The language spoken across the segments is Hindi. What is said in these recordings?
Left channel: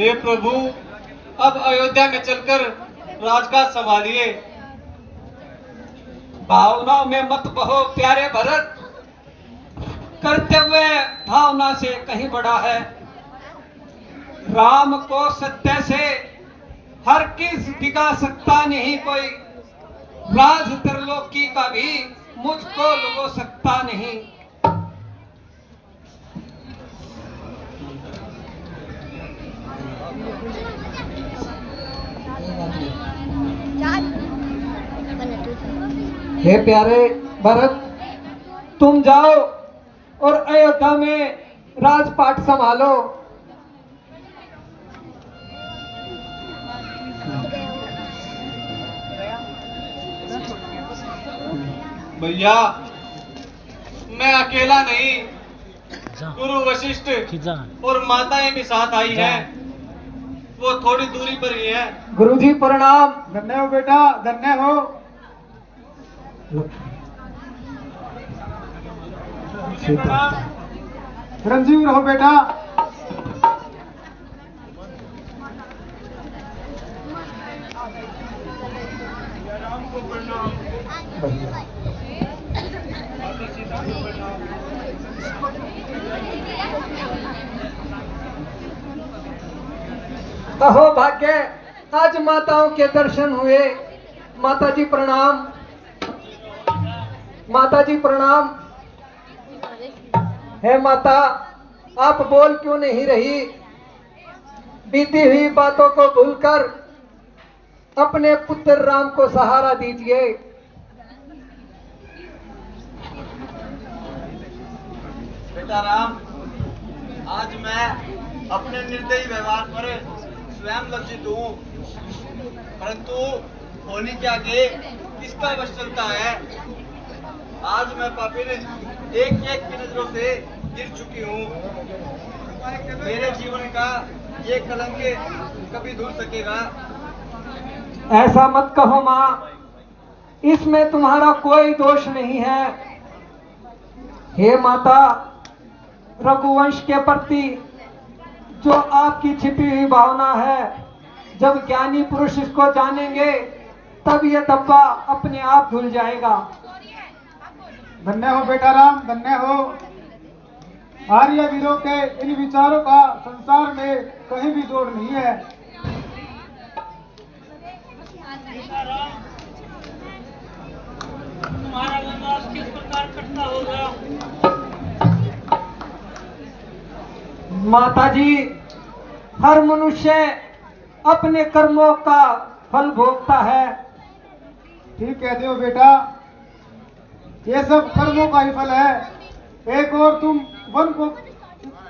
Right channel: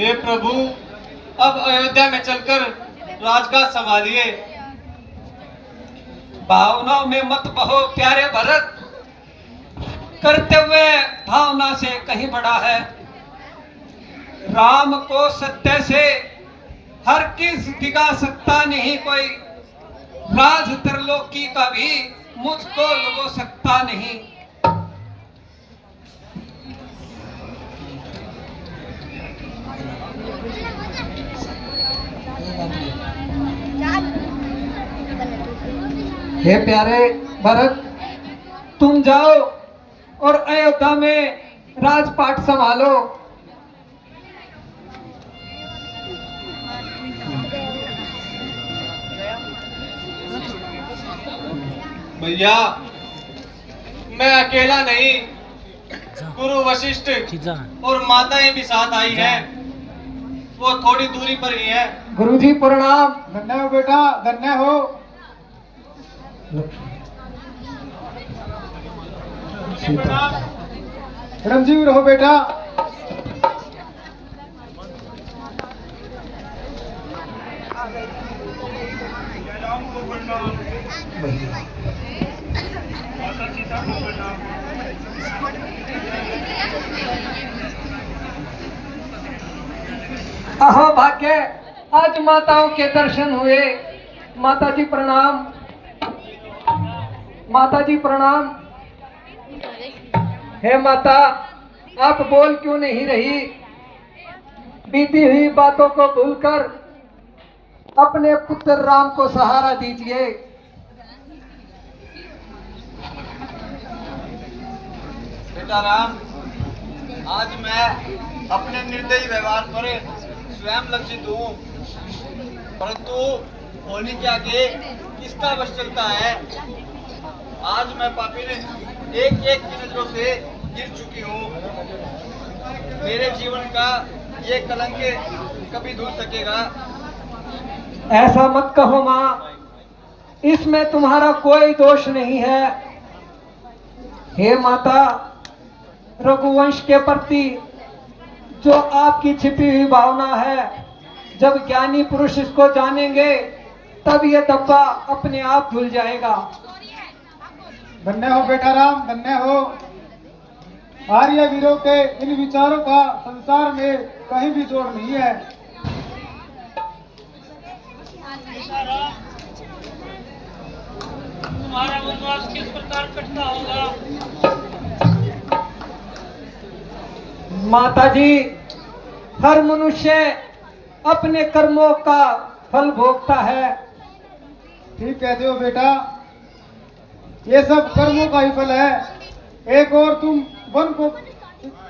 हे प्रभु, अब अयोध्या में चलकर राजकाज संभालिए। भावनाओं में मत बहो प्यारे भरत, कर्तव्य भावना से कहीं बड़ा है। राम को सत्य से हर किस दिखा सकता नहीं कोई, राज त्रिलोकी का भी मुझको लुभो सकता नहीं। हे प्यारे भरत, तुम जाओ और अयोध्या में राजपाट संभालो। भैया, मैं अकेला नहीं, गुरु वशिष्ठ और माताएं भी साथ आई हैं। वो थोड़ी दूरी पर ही है। गुरुजी प्रणाम। धन्य हो बेटा, धन्य हो। चिरंजीवी रहो बेटा। अहो भाग्य, आज माताओं के दर्शन हुए। माता जी प्रणाम। माता जी प्रणाम। हे माता, आप बोल क्यों नहीं रही? बीती हुई बातों को भूलकर अपने पुत्र राम को सहारा दीजिए। बेटा राम, आज मैं अपने निर्दयी व्यवहार पर स्वयं लज्जित हूँ, परंतु होने के आगे किसका बस चलता है। आज मैं पापी ने एक एक की नजरों से गिर चुकी हूँ। मेरे जीवन का ये कलंक कभी धुल सकेगा? ऐसा मत कहो माँ, इसमें तुम्हारा कोई दोष नहीं है। हे माता, रघुवंश के प्रति जो आपकी छिपी हुई भावना है, जब ज्ञानी पुरुष इसको जानेंगे तब यह धब्बा अपने आप धुल जाएगा। धन्य हो बेटा राम, धन्य हो। आर्य वीरों के इन विचारों का संसार में कहीं भी जोड़ नहीं है। तुम्हारा वनवास किस प्रकार कटता होगा? माता जी, हर मनुष्य अपने कर्मों का फल भोगता है। ठीक कहते हो बेटा, ये सब कर्मों का ही फल है। एक और तुम वन को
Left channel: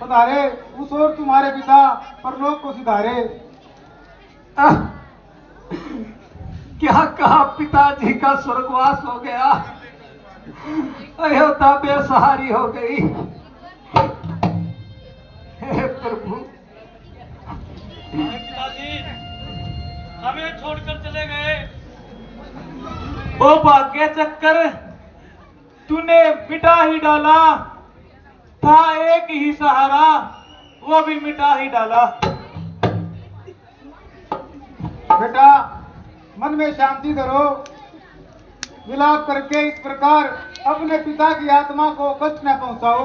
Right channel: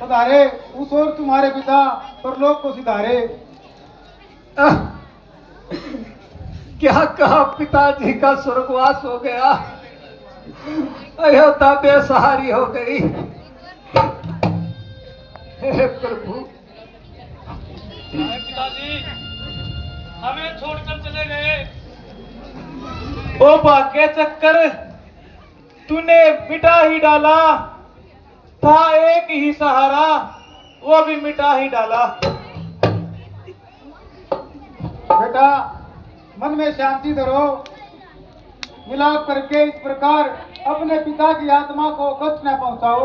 पधारे, उस और तुम्हारे पिता परलोक को सिधारे। क्या कहा, पिताजी का स्वर्गवास हो गया, अयोध्या बेसहारी हो गई। हे प्रभु, पिताजी हमें छोड़कर चले गए। ओ भाग्य चक्कर, तूने मिटा ही डाला। था एक ही सहारा, वो भी मिटा ही डाला। बेटा, मन में शांति धरो। विलाप करके इस प्रकार अपने पिता की आत्मा को कष्ट न पहुंचाओ।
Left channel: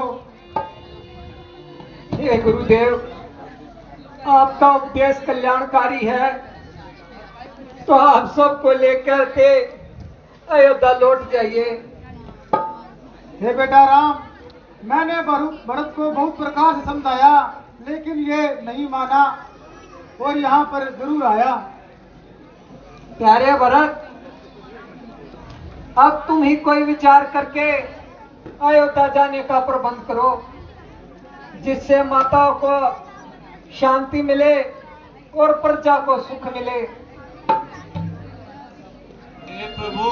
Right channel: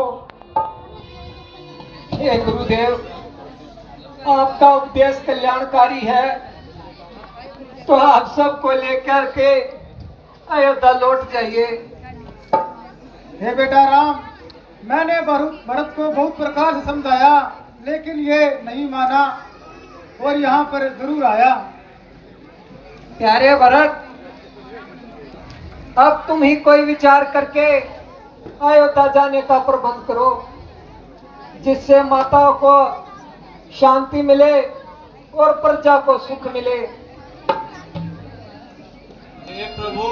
हे गुरुदेव, आपका उपदेश कल्याणकारी है, तो आप सबको लेकर के अयोध्या लौट जाइए। हे बेटा राम, मैंने भरत को बहुत प्रकार से समझाया, लेकिन ये नहीं माना और यहाँ पर जरूर आया। प्यारे भरत, अब तुम ही कोई विचार करके अयोध्या जाने का प्रबंध करो, जिससे माताओं को शांति मिले और प्रजा को सुख मिले। हे प्रभु,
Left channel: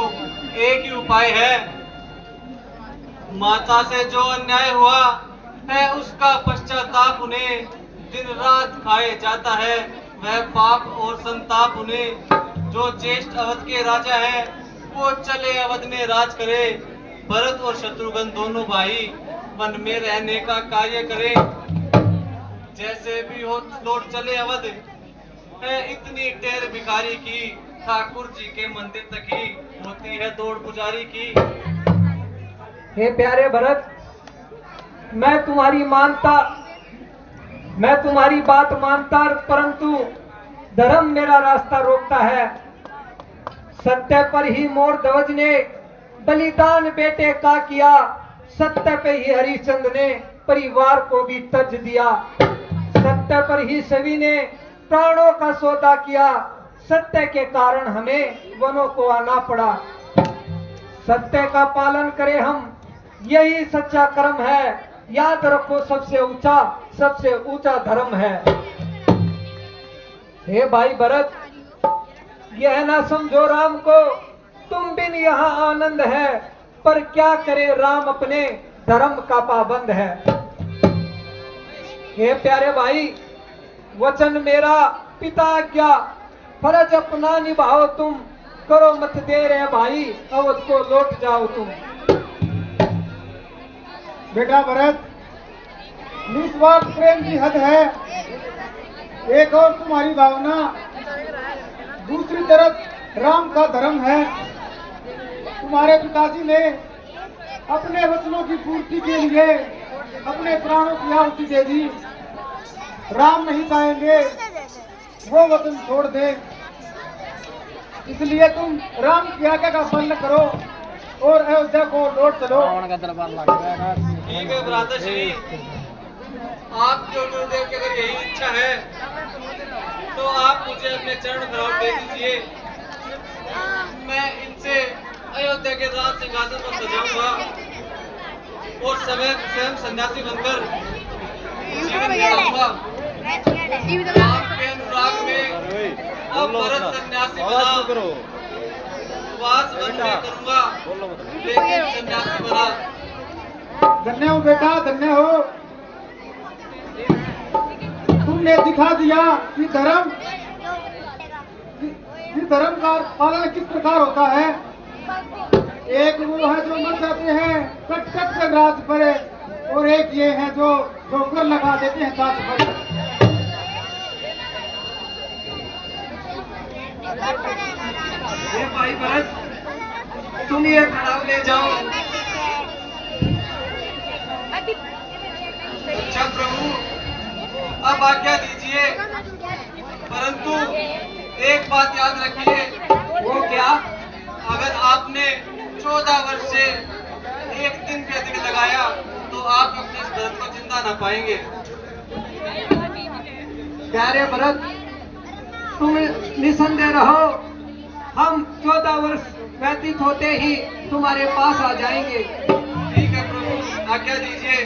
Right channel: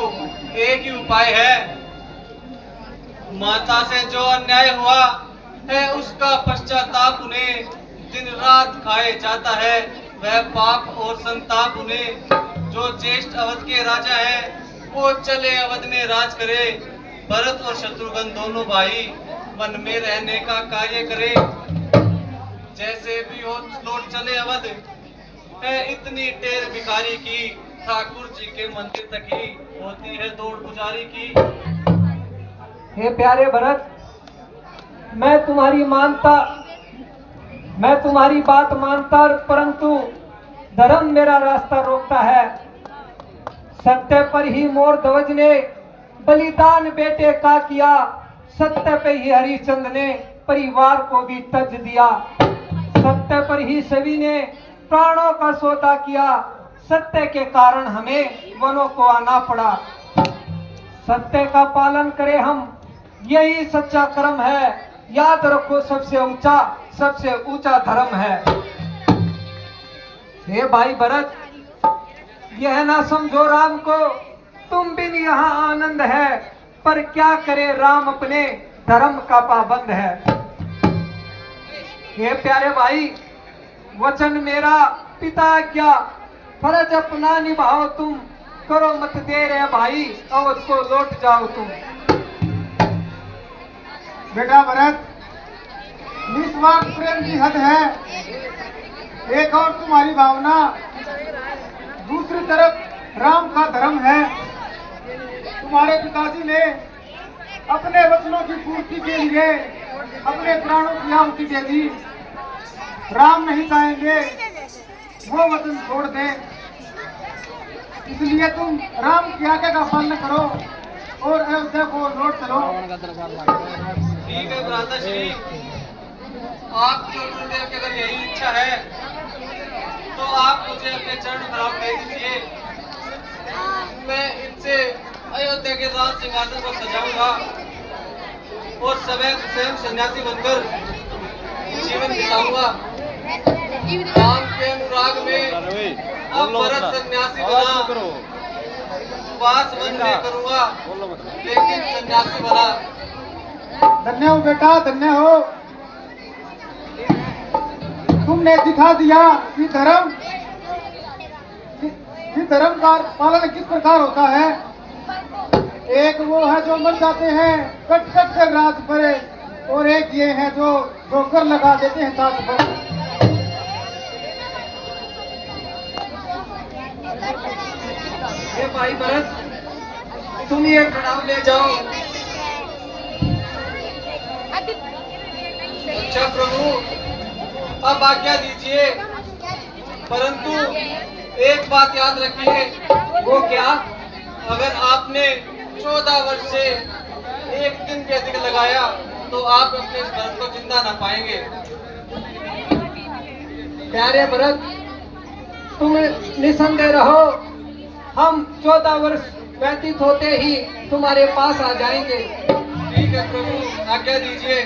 एक ही उपाय है। माता से जो अन्याय हुआ है, उसका पश्चाताप उन्हें दिन रात खाए जाता है। वह पाप और संताप उन्हें जो ज्येष्ठ अवध के राजा है, वो चले अवध में राज करे। भरत और शत्रुघ्न दोनों भाई वन में रहने का कार्य करे। जैसे भी हो लौट चले अवध। है इतनी टेर भिखारी की, ठाकुर जी के मंदिर तक ही होती है दौड़ पुजारी की। हे प्यारे भरत, मैं तुम्हारी बात मानता, परंतु धर्म मेरा रास्ता रोकता है। सत्य पर ही मोर ध्वज ने बलिदान बेटे का किया, सत्य पे ही हरिश्चंद्र ने परिवार को भी तज दिया। सत्य पर ही सभी ने प्राणों का सौदा किया, सत्य के कारण हमें वनों को आना पड़ा। सत्य का पालन करें हम, यही सच्चा कर्म है। याद रखो सबसे ऊंचा धर्म है। हे भाई भरत, यह ना समझो राम को तुम बिन यहाँ आनंद है, पर क्या करे राम अपने धर्म का पाबंद है। हे प्यारे भाई, वचन मेरा पिता आज्ञा, फर्ज अपना निभाओ तुम, करो मत देर है भाई, अवध को लौट जाओ तुम। बेटा भरत, निस्वार्थ प्रेम की हद है। एक और तुम्हारी भावना, दूसरी तरफ राम का धर्म है। तुम्हारे पिताजी ने अपने वचनों की पूर्ति के लिए अपने प्राणों की आहुति दे दी। राम नहीं चाहेंगे वो वचन छोड़ दे, इसलिए तुम राम की आज्ञा का पालन करो और अयोध्या को लौट चलो। ठीक है भ्राता श्री, आपके गुरुदेव की अगर यही इच्छा है तो आप मुझे अपने चरण कमल दे दीजिए। मैं इनसे अयोध्या के राज सिंहासन पर सजाऊंगा और स्वयं सन्यासी बनकर जीवन बिताऊंगा। राम के अनुराग में अब भरत सन्यासी बना, वास वन में करूंगा लेकिन सन्यासी बना। धन्य हो बेटा, धन्य हो। तुमने दिखा दिया कि धर्म का पालन किस प्रकार होता है। एक वो है जो मर जाते हैं कट कट कर राज पर, और एक ये है जो ठोकर लगा देते हैं साथ पर। हे भाई भरत, तुम ये कड़ाव ले जाओ। अच्छा प्रभु, अब आज्ञा दीजिए, परंतु एक बात याद रखिए। वो क्या? अगर आपने 14 वर्ष से एक दिन भी अधिक लगाया तो आप अपने इस भरत को जिंदा ना पाएंगे। प्यारे भरत, तुम निसंदेह रहो, हम 14 वर्ष व्यतीत होते ही तुम्हारे पास आ जाएंगे। ठीक है प्रभु, आज्ञा दीजिए।